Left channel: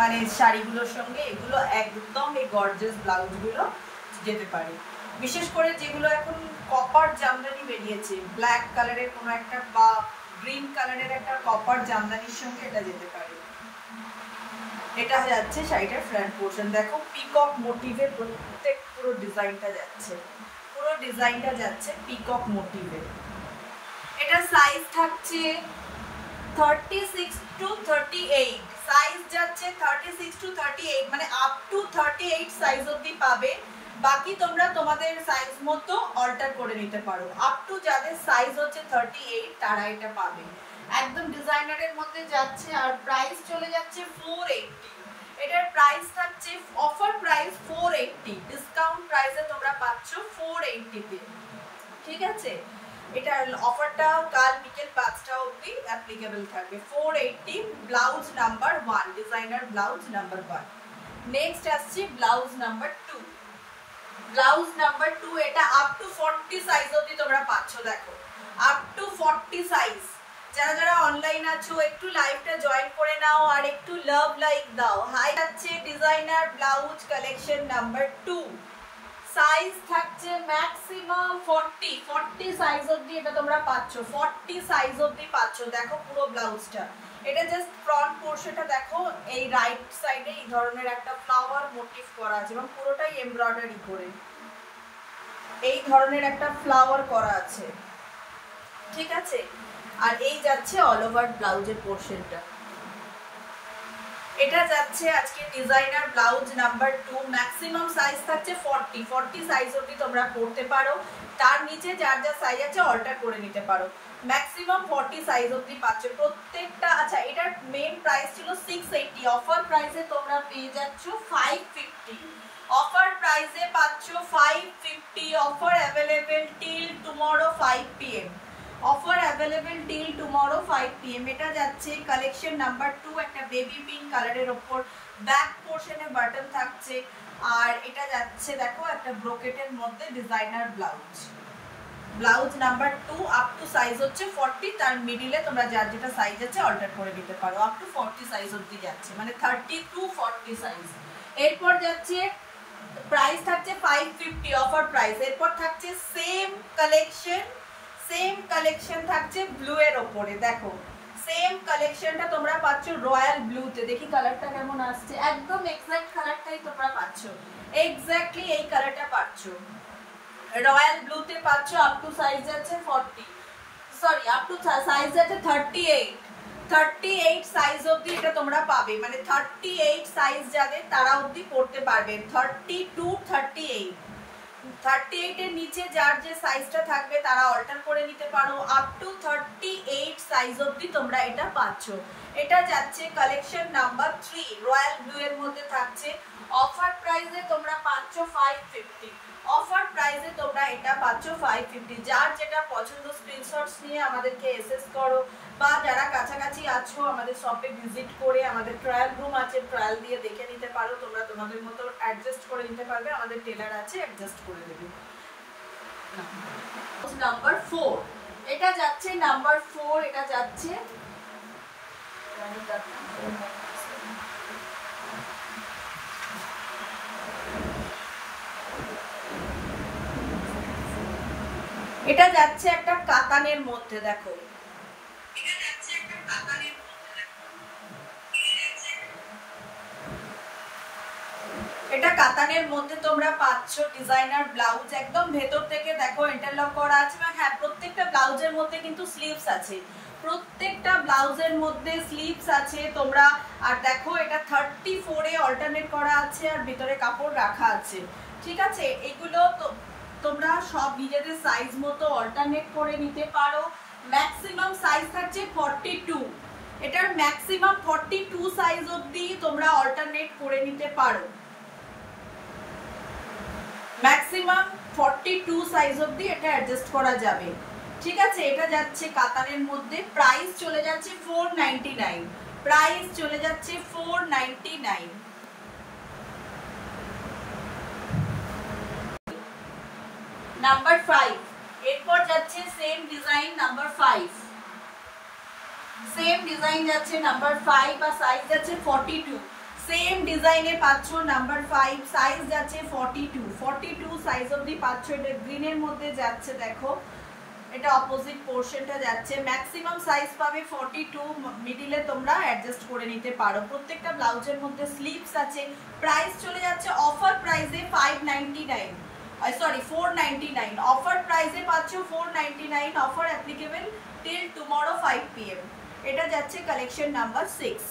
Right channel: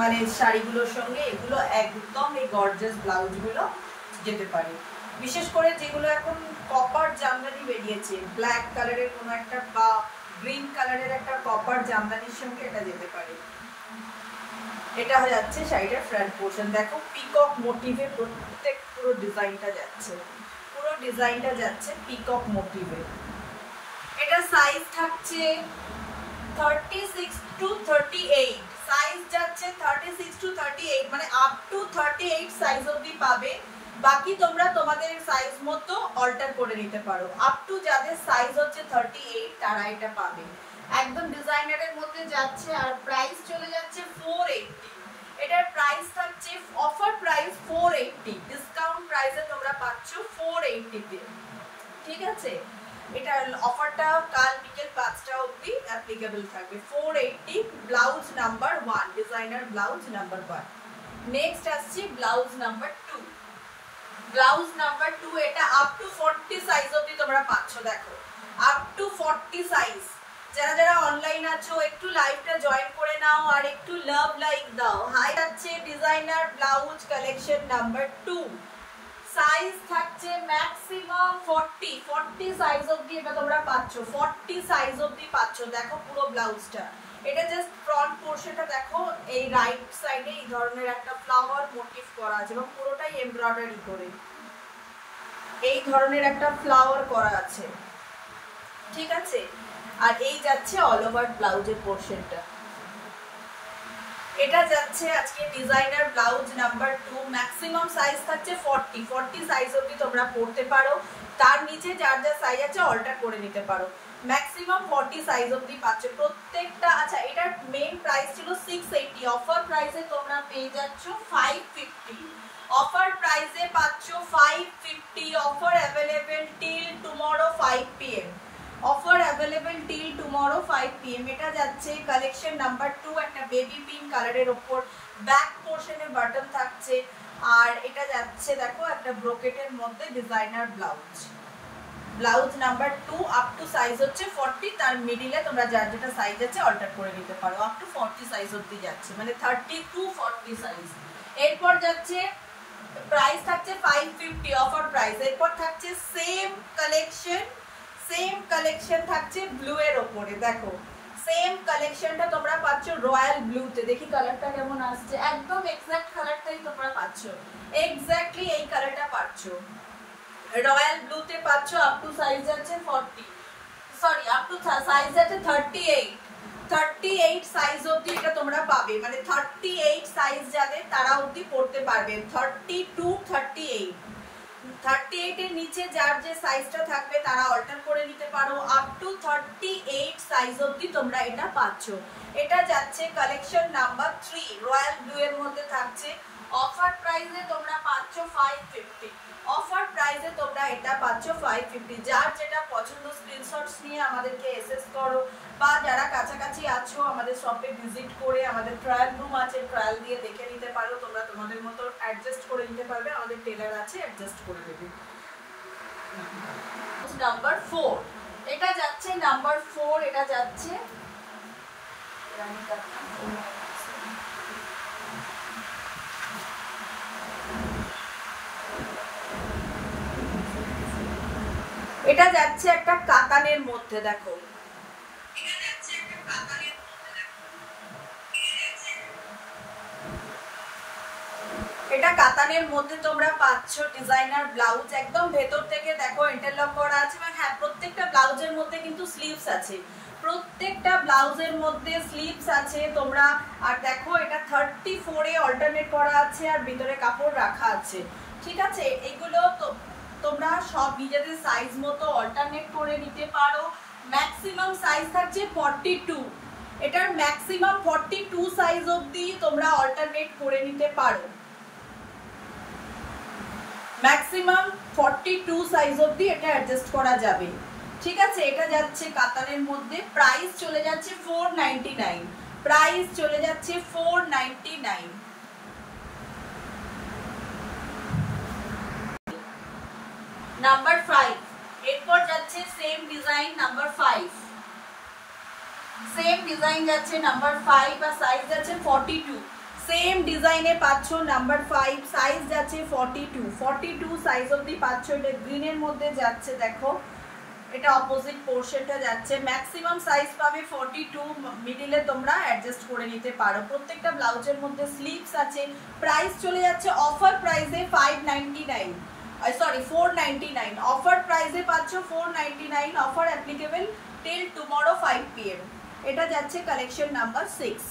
মানে শাড়িগুলোর সঙ্গে এগুলো একদম এই গর্জিয়াস ব্লাউজগুলো যেতে পারে। বিশেষ করে যেগুলো এখন কপার জামদানি বেরিয়েছে, ব্ল্যাক কালারের কোনো একটা বা গ্রিন কালারের একটা কপার জামদানির সঙ্গে এটা যেতে পারে। এটা যাচ্ছে শাড়িটার ফ্রন্ট পোর্শন, দেখো পিকক মোটিভে প্রত্যেক পুরো ডিজাইনটা যাচ্ছে, পুরো ডিজাইনটা যাচ্ছে পিকক মোটিভে। এটা সাইজ থাকছে 36 to 38, সাইজ যাচ্ছে 36 to 38, মানে আপ টু 38 সাইজ অবধি পাবে। বাকি তোমরা তোমাদের সাইজ মতো অল্টার করে নিতে পারো। আপ টু যাদের সাইজ হচ্ছে 38 তারা এটা পাবে। একদম ডিজাইনারের মধ্যে যাচ্ছে। আর প্রাইস চলে যাচ্ছে 480। এটার প্রাইস থাকছে অফার প্রাইস 480, ডিসকাউন্ট প্রাইসে তোমরা পাচ্ছ 480 তে। ঠিক আছে, এটার অফারটা কাল বিকেল 5টা অবধি অ্যাপ্লিকেবল থাকবে। 480, blouse number 1, designer blouse number 1। Next আসছে ব্লাউজ নাম্বার 2। ব্লাউজ নাম্বার 2 এটা আপ টু 40 সাইজ অবধি তোমরা পাচ্ছ। দেখো আপ টু 40 সাইজ। যারা যারা অনলাইন আছো একটু লাইভটা জয়েন করে নাও আর একটু লাভ লাইক দাও। হাই আছে designer blouse collection number 2, size থাকছে ম্যাক্সিমাম 40 সাইজ অবধি এটা তোমরা পাচ্ছ। 40 সাইজ অবধি পাচ্ছ। দেখো পুরো ব্লাউজটা, এটা জাস্ট ফ্রন্ট পোর্শনটা দেখো, এই রাইট সাইডে এই ধরনের একটা ফ্লাওয়ার মোটিভ করা আছে এবং পুরোটাই এমব্রয়ডারি করে এই ধরনের একটা ফ্লাওয়ার করা আছে। ঠিক আছে, আর এই যাচ্ছে অল ওভার ব্লাউজের পোর্শনটা। এটা যাচ্ছে আজকে designer blouse number 2, maximum size থাকছে 40 সাইজ অবধি তোমরা পড়তে পারো। তার নিচে যার যা সাইজ আছে অল্টার করে নিতে পারো। ম্যাক্সিমাম 40 সাইজ অবধি পাচ্ছ প্রত্যেকটা। আচ্ছা, এটার মেইন প্রাইস ছিল 680, অফার প্রাইসে তোমরা পেয়ে যাচ্ছ 550। অফার প্রাইসে পাচ্ছ 550। Offer available till tomorrow 5 PM। Offer available till tomorrow 5 PM। এটা যাচ্ছে কালেকশন নাম্বার 2, একটা বেবি পিঙ্ক কালারের ওপর ব্যাক পোর্শনে বাটন থাকছে। আর এটা যাচ্ছে দেখো একটা ব্রোকেটের মধ্যে designer blouse. Blouse number 2 up to size হচ্ছে 40, তার মিডিলে তোমরা যার যেটা সাইজ আছে অল্টার করে নিতে পারো। আপ টু 40 সাইজ অবধি যাচ্ছে, মানে 30 to 40 সাইজ। এরপর যাচ্ছে প্রাইস থাকছে 550 অফার প্রাইস। এরপর থাকছে সেম কালেকশন থাকছে ব্লু এর উপরে। দেখো সেম কালেকশনটা তোমরা পাচ্ছ রয়্যাল ব্লুতে। দেখি কালারটা কেমন আসছে, একদম এক্সাক্ট কালারটাই তোমরা পাচ্ছ, এক্স্যাক্টলি এই কালারটা পাচ্ছ রয়্যাল ব্লুতে পাচ্ছ। আপ টু সাইজ আছে 40, সরি আপ টু সাইজ আছে 38 সাইজ অবধি এটা তোমরা পাবে। মানে 38 সাইজ যাদের তারা অবধি পড়তে পারবে। 30 to 38, 38 এর নিচে যার যে সাইজটা থাকবে তারা অল্টার করে নিতে পারো। আপ টু 38 সাইজ অবধি তোমরা এটা পাচ্ছ। এটা যাচ্ছে কালেকশন নাম্বার 3, রয়্যাল ব্লু এর মধ্যে থাকছে। অফার প্রাইসে তোমরা পাচ্ছ 550। অফার প্রাইসে তোমরা এটা পাচ্ছ 550। যার যেটা পছন্দ স্ক্রিনশটস নিয়ে আমাদেরকে এসএস করো, বা যারা কাছাকাছি আছো আমাদের শপে ভিজিট করে, আমাদের ট্রায়াল রুম আছে, ট্রায়াল দিয়ে দেখে নিতে পারো। তোমরা তোমাদের মতো অ্যাডজাস্ট করে নিতে পারবে, আমাদের টেলার আছে অ্যাডজাস্ট করে দেবে। নাম্বার 4 এটা যাচ্ছে, নাম্বার 4 এটা যাচ্ছে এটা যাচ্ছে একটা কাতানের মধ্যে। দেখো এটা কাতানের মধ্যে তোমরা পাচ্ছ ডিজাইনার ব্লাউজ। একদম ভেতর থেকে দেখো ইন্টারলক করা আছে। হ্যাঁ, প্রত্যেকটা ব্লাউজের মধ্যে কিন্তু স্লিভস আছে, প্রত্যেকটা ব্লাউজের মধ্যে স্লিভস আছে তোমরা। আর দেখো এটা 34 এ অল্টারনেট করা আছে আর ভিতরে কাপড় রাখা আছে। ঠিক আছে, এগুলো তো তোমরা সব নিজেদের সাইজ মতো অল্টারনেট করে নিতে পারো। ম্যাক্সিমাম সাইজ থাকছে 42, এটার ম্যাক্সিমাম 42 সাইজ অবধি তোমরা অল্টারনেট করে নিতে পারো। ম্যাক্সিমাম 42 সাইজ অবধি এটা অ্যাডজাস্ট করা যাবে। ঠিক আছে, এটা যাচ্ছে কাতানের মধ্যে। প্রাইস চলে যাচ্ছে 499, প্রাইস চলে যাচ্ছে 499। নাম্বার 5 এরপর যাচ্ছে same design number 5, same design যাচ্ছে নাম্বার 5 আর সাইজ যাচ্ছে 42। সেম ডিজাইনে পাচ্ছ নাম্বার 5, সাইজ যাচ্ছে 42 সাইজ অবধি পাচ্ছ। এটা গ্রিনের মধ্যে যাচ্ছে, দেখো এটা অপোজিট পোর্শনটা যাচ্ছে। ম্যাক্সিমাম সাইজ পাবে 42, মিডিলে তোমরা অ্যাডজাস্ট করে নিতে পারো। প্রত্যেকটা ব্লাউজের মধ্যে স্লিভস আছে। প্রাইস চলে যাচ্ছে অফার প্রাইসে 599, সরি 499। অফার প্রাইসে পাচ্ছ 499। Offer applicable till tomorrow 5 PM। এটা যাচ্ছে কালেকশন নাম্বার 6।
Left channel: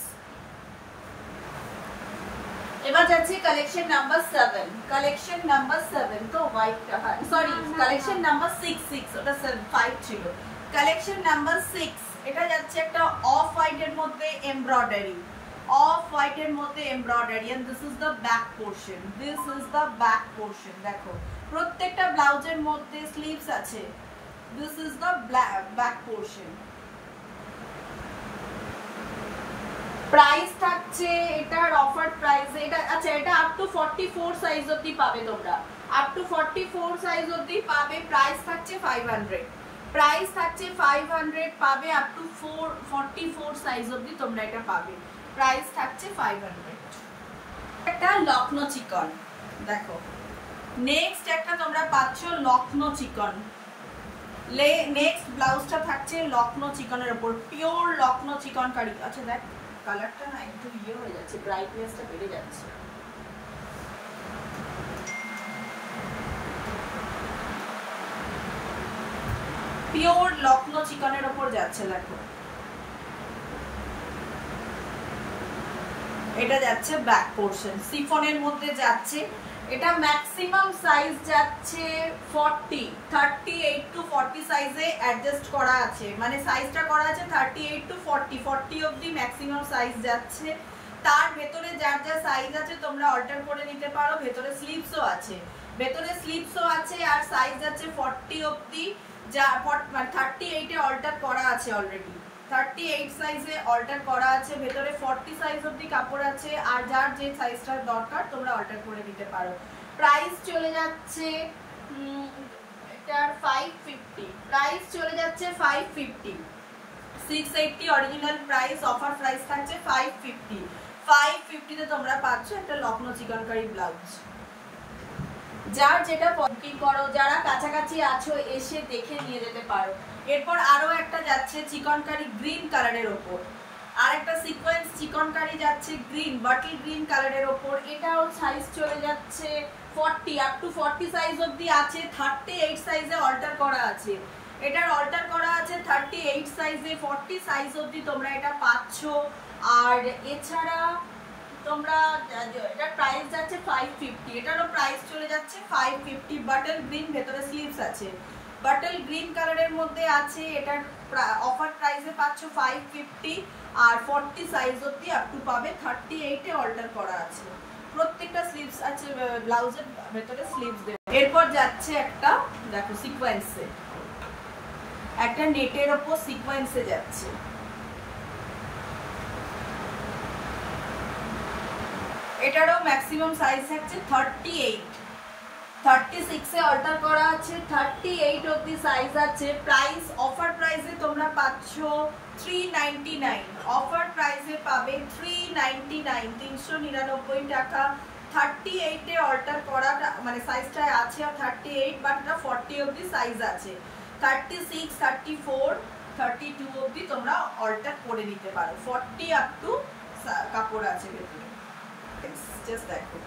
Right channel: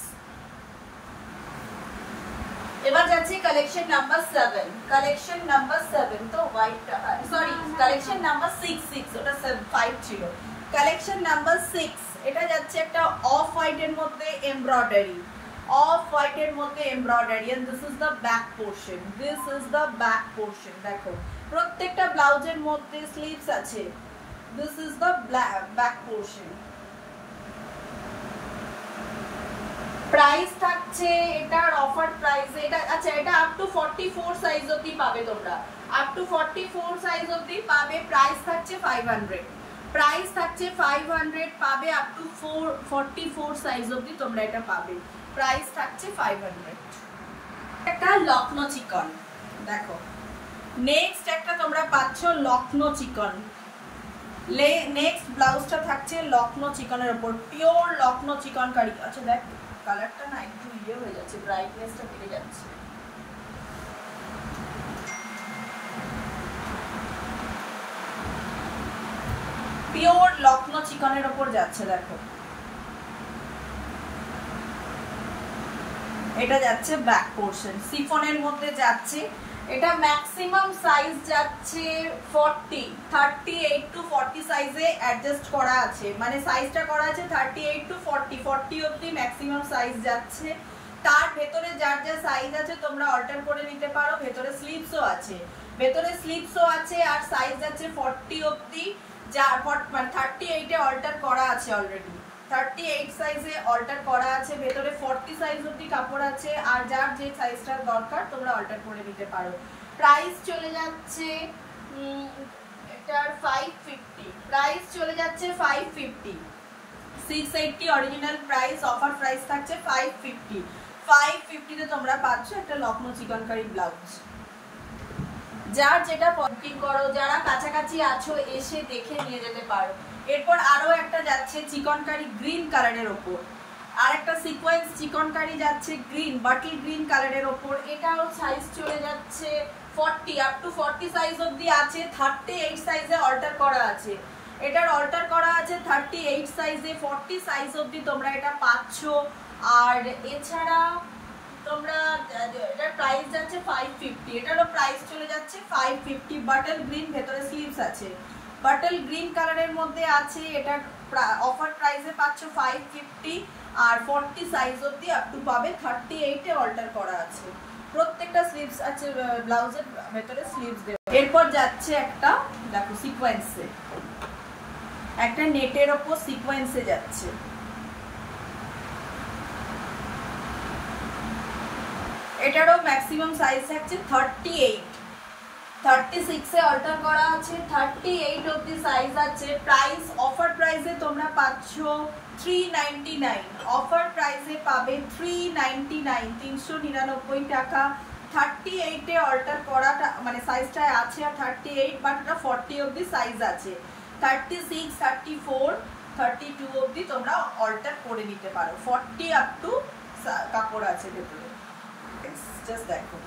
এবার যাচ্ছে কালেকশন নাম্বার 7। কালেকশন নাম্বার 7 তো হোয়াইটটা, সরি কালেকশন নাম্বার 6 ওটা 5 ছিল। কালেকশন নাম্বার 6 এটা যাচ্ছে একটা অফ হোয়াইটের মধ্যে এমব্রয়ডারি, অফ হোয়াইটের মধ্যে embroidery, and this is the back portion, this is the back portion. দেখো প্রত্যেকটা ব্লাউজের মধ্যে স্লিভস আছে। This is the back portion. Price থাকছে এটার অফার প্রাইস, এটা আচ্ছা এটা আপ টু 44 সাইজ অবধি পাবে তোমরা, আপ টু 44 সাইজ অবধি পাবে। প্রাইস থাকছে 500, প্রাইস থাকছে 500 পাবে। আপ টু 44 সাইজ অবধি তোমরা এটা পাবে। প্রাইস থাকছে 500। একটা লখনৌ চিকন, দেখো নেক্সট একটা তোমরা পাচ্ছ লখনৌ চিকন। নেক্সট ব্লাউজটা থাকছে লখনৌ চিকনের উপর, পিওর লখনৌ চিকন কারি। আচ্ছা দেখ কালারটা না একটু ইয়ে হয়ে যাচ্ছে, ব্রাইটনেসটা বেড়ে যাচ্ছে। পিওর লখনৌ চিকনের উপর যাচ্ছে, দেখো এটা যাচ্ছে ব্যাক পোর্শন, সিফনের মধ্যে যাচ্ছে। এটা ম্যাক্সিমাম সাইজ যাচ্ছে 40, 38 টু 40 সাইজে অ্যাডজাস্ট করা আছে, মানে সাইজটা করা আছে 38 টু 40 অবধি ম্যাক্সিমাম সাইজ যাচ্ছে। তার ভেতরে যার যা সাইজ আছে তোমরা অল্টার করে নিতে পারো। ভেতরে স্লিভসও আছে, ভেতরে স্লিভসও আছে, আর সাইজ যাচ্ছে 40 অবধি, যা মানে 38 এ অল্টার করা আছে অলরেডি, 38 সাইজে অল্টার করা আছে। ভেতরে 40 সাইজ অবধি কাপড় আছে, আর যার যে সাইজটা দরকার তোমরা অল্টার করে নিতে পারো। প্রাইস চলে যাচ্ছে এটার 550, প্রাইস চলে যাচ্ছে 550। 680 অরিজিনাল প্রাইস, অফার প্রাইস থাকছে 550। 550 তে তোমরা পাচ্ছ একটা লখনৌ চিকনকারি ব্লাউজ। যার যেটা পছন্দ করো, যারা কাছাকাছি আছো এসে দেখে নিয়ে যেতে পারো। এরপর আরো একটা যাচ্ছে চিকনকারি গ্রিন কালারের ওপর, আর একটা সিকোয়েন্স চিকনকারি যাচ্ছে গ্রিন, বাটল গ্রিন কালারের ওপর। এটাও সাইজ চলে যাচ্ছে 40, আপ টু 40 সাইজ অবধি আছে। 38 সাইজে অল্টার করা আছে, এটার অল্টার করা আছে 38 সাইজে। 40 সাইজ অবধি তোমরা এটা পাচ্ছ। আর এছাড়া তোমরা এটার প্রাইস যাচ্ছে 550, এটারও প্রাইস চলে যাচ্ছে 550। বাটল গ্রিন, ভেতরে স্লিভস আছে, বাটল গ্রিন কালারের মধ্যে আছে। এটার অফার প্রাইসে পাচ্ছ 550, আর 40 সাইজ অবধি আপ টু পাবে। 38 এ অল্টার করা আছে, প্রত্যেকটা স্লিভস আছে, ব্লাউজের ভেতরে স্লিভস দেওয়া। এরপর যাচ্ছে একটা দেখো সিকোয়েন্সে, একটা নেটের ওপর সিকোয়েন্সে যাচ্ছে। এটারও ম্যাক্সিমাম সাইজ থাকছে 38, 36 এ অল্টার করা আছে, 38 অবধি সাইজ আছে। প্রাইস অফার প্রাইসে তোমরা পাচ্ছ 399, অফার প্রাইসে পাবে 399, 399 টাকা। 38 এ অল্টার করাটা মানে সাইজটা আছে, আর 38 বাট এটা 40 অবধি সাইজ আছে। 36, 34, 32 অবধি তোমরা অল্টার করে নিতে পারো। 40 আপ টু কাপড় আছে ভেতরে। জাস্ট দেখো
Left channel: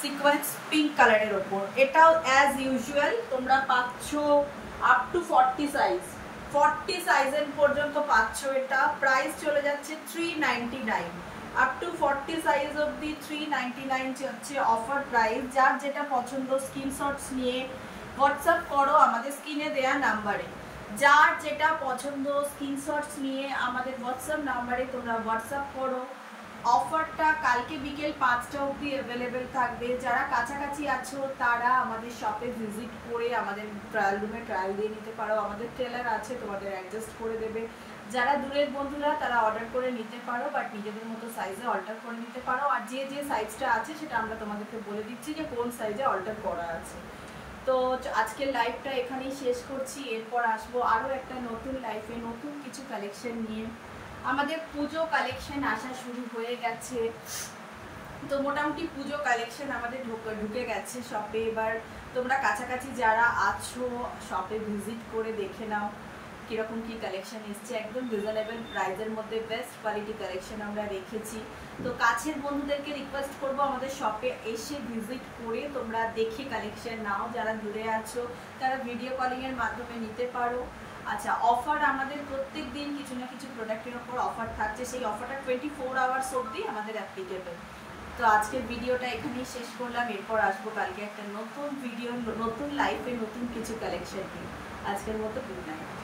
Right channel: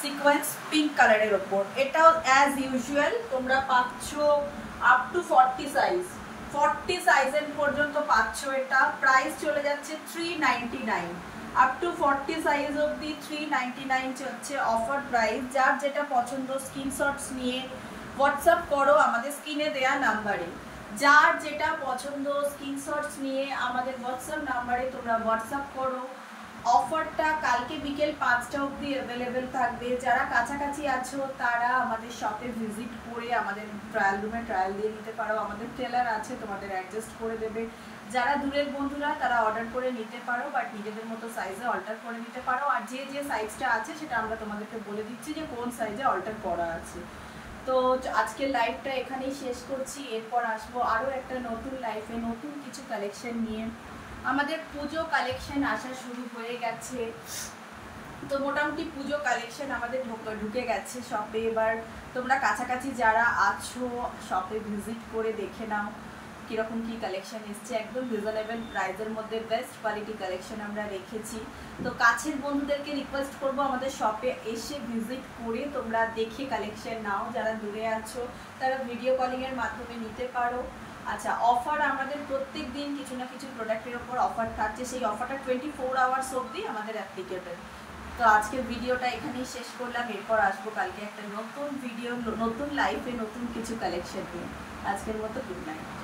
সিকোয়েন্স পিঙ্ক কালারের ওপর, এটাও অ্যাজ ইউজুয়াল তোমরা পাচ্ছ আপ টু 40 সাইজ, 40 সাইজের পর্যন্ত পাচ্ছ। এটা প্রাইস চলে যাচ্ছে 399, আপ টু 40 সাইজ অবধি 399 হচ্ছে অফার প্রাইস। যার যেটা পছন্দ স্ক্রিনশটস নিয়ে হোয়াটসঅ্যাপ করো আমাদের স্ক্রিনে দেয়া নাম্বারে। যার যেটা পছন্দ স্ক্রিনশটস নিয়ে আমাদের হোয়াটসঅ্যাপ নাম্বারে তোমরা হোয়াটসঅ্যাপ করো। অফারটা কালকে বিকেল 5টা অবধি অ্যাভেলেবেল থাকবে। যারা কাছাকাছি আছো তারা আমাদের শপে ভিজিট করে আমাদের ট্রায়াল রুমে ট্রায়াল দিয়ে নিতে পারো। আমাদের টেলার আছে, তোমাদের অ্যাডজাস্ট করে দেবে। যারা দূরের বন্ধুরা তারা অর্ডার করে নিতে পারো, বাট নিজেদের মতো সাইজে অল্টার করে নিতে পারো। আর যে যে সাইজটা আছে সেটা আমরা তোমাদেরকে বলে দিচ্ছি যে কোন সাইজে অল্টার করা আছে। তো আজকের লাইভটা এখানেই শেষ করছি। এরপর আসবো আরও একটা নতুন লাইফে নতুন কিছু কালেকশন নিয়ে। আমাদের পুজো কালেকশন আসা শুরু হয়ে গেছে, তো মোটামুটি পুজো কালেকশন আমাদের ঢুকে গেছে শপে। এবার তোমরা কাছাকাছি যারা আছো শপে ভিজিট করে দেখে নাও কীরকম কী কালেকশন এসছে। একদম রিজনেবল প্রাইসের মধ্যে বেস্ট কোয়ালিটি কালেকশন আমরা রেখেছি। তো কাছের বন্ধুদেরকে রিকোয়েস্ট করব আমাদের শপে এসে ভিজিট করে তোমরা দেখে কালেকশন নাও। যারা দূরে আছো তারা ভিডিও কলিংয়ের মাধ্যমে নিতে পারো। আচ্ছা, অফার আমাদের প্রত্যেক দিন কিছু না কিছু প্রোডাক্টের ওপর অফার থাকছে, সেই অফারটা 24 আওয়ার্স অবধি আমাদের অ্যাপ্লিকেবল। তো আজকের ভিডিওটা এখানেই শেষ করলাম, এরপর আসবো কালকে একটা নতুন ভিডিও, নতুন লাইফে নতুন কিছু কালেকশন নিয়ে। আজকের মতো গুড নাইট।